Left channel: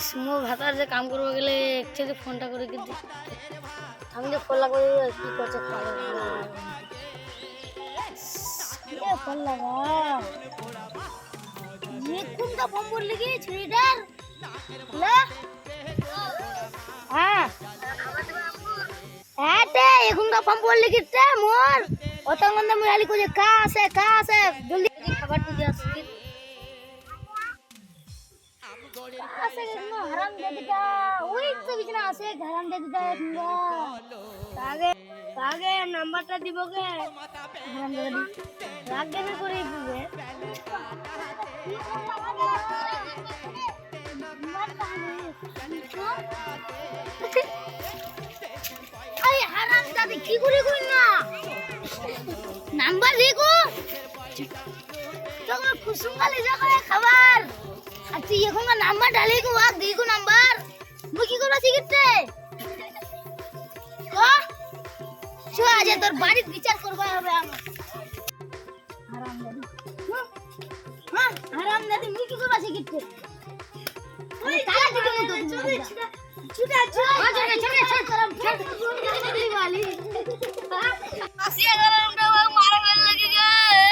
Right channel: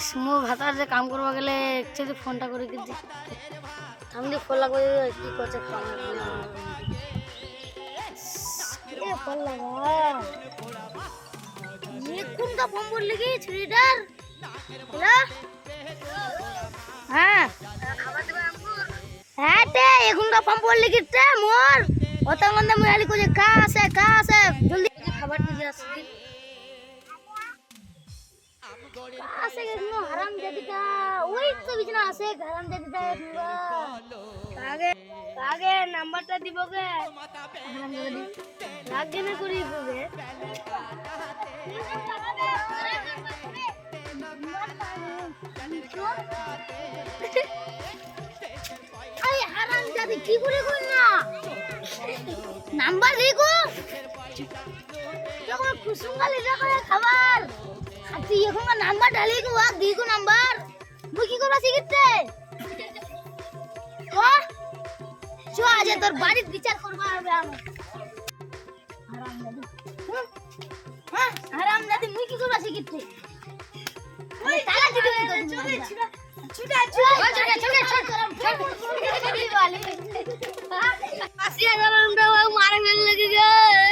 স্মো ভাতার যে কাম করবা গেলে একচুয়ালি ফোনটা করে কিন্তু আমি যে ফোন লাগবে কি করছে পাগল এ ফোন লাগা ये কোনটা ফোন বললি কি ছেলেটার হ্যালো হ্যাঁ হ্যাঁ তে এখনটা ফোন বললি কি তে মোর অতঙ্গন্দে মুয়ালি কই কা আছে জলদি খাবার দিয়ে আসছি আছে কেন হারাম দাদিটা ওই তো বিছনা আছে হারাম দাদিটা কাগে নাম্বারটা দিব কে হারাম দাদি রাগে না করি দিবে আরে হারাম দাদি কি করে কই না নাম্বার দেখো তখন কুসুমকালে যাবে খাবার আচ্ছা এখন নাম্বার ডালি কো আর দিগো নাম্বার মুই কি করবা শিখতে ও চো আজ তোর বাড়ি বিচার করবা হবে আমার হারাম দাদি মুই কি করবা শিখতে ওই তালা দিবি তো ছুটা আসিয়া গরমটা মারা ফেল লাগি গে